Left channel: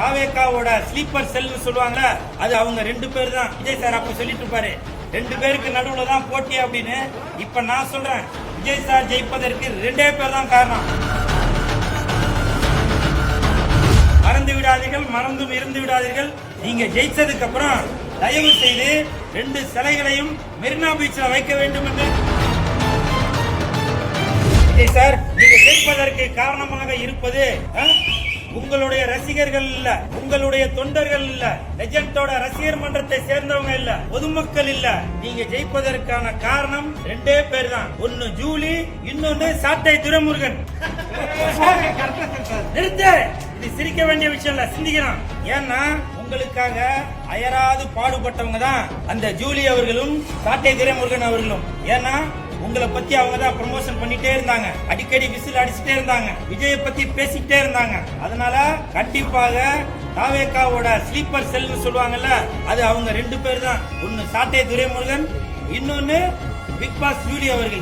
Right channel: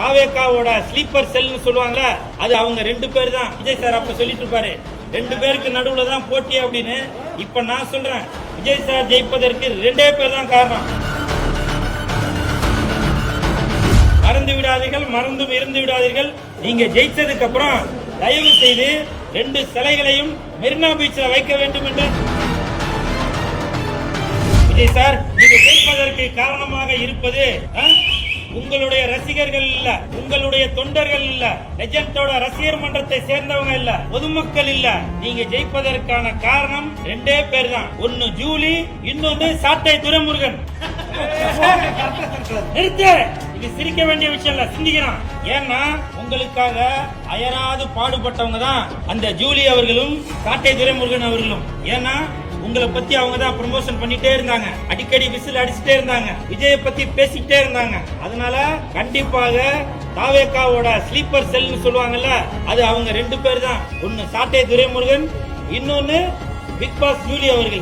தாவேக்காவோட sleeper செல் சொல்லுவாங்க, அது அவங்க 2 பேர் தான். விஜய் சார் அப்ப சொல்லிட்டு இருப்பாரு, 2 பேருக்கு நடுவுல தான் போட்டி அப்படின்னு. இப்ப நான் சொல்றேன், விஜய் சார் ஜெயிப்பதற்கு 2 பேர் தான் காரணம். மறந்து விடாதீர்கள், மறந்தும் இருந்து விடாதீர்கள். நீங்க ஜெயிச்சதுக்கு அப்புறம் தயவு செய்து 2 சிலைகளையும் மெரினா பீச்சில் வைக்க வேண்டும் என்று. விஜய் சார், நீங்க ஜெயிப்பதற்கு காரணமாக இருப்பது உங்களுடைய ரசிகர்கள் இல்ல, உங்களுடைய தொண்டர்கள் இல்ல, லெஜெண்டோட ரசிகர் மன்றத்தை சேர்ந்தவங்க இல்ல, பொதுமக்கள் இல்ல. நீங்க ஜெயிப்பதற்கான காரணம் 2 பேர் தான். ஒன்னு ஜூலி, இன்னொன்னு சாட்டை துரைமுருகன். நிறுத்து, இது சிரிக்க வேண்டிய விஷயம் இல்ல, சிந்திக்கணும். ஏன்னா உங்களுக்காக அயராது பாடுபட்டவங்க தான் அந்த ஜூலி அவர்களும் சாட்டை துரைமுருகன் அவர்களும். ஏன்னா உங்களை பத்தி அவங்க தான் ப்ரமோஷன் பண்ணிட்டே இருந்தாங்க, அடிக்கடி விசில் அடிச்சுட்டே இருந்தாங்க, விஜய பத்தி பேசிட்டே இருந்தாங்க. அதனால கண்டிப்பாக தாவேக்காவோட ஸ்லீப்பர் செல் சொல்லுவாங்கல்ல, அது அவங்க 2 பேர் தான். ஒன்னு சாட்டை துரைமுருகன், இன்னொன்னு பிக் பாஸ் ஜூலி அவர்கள்.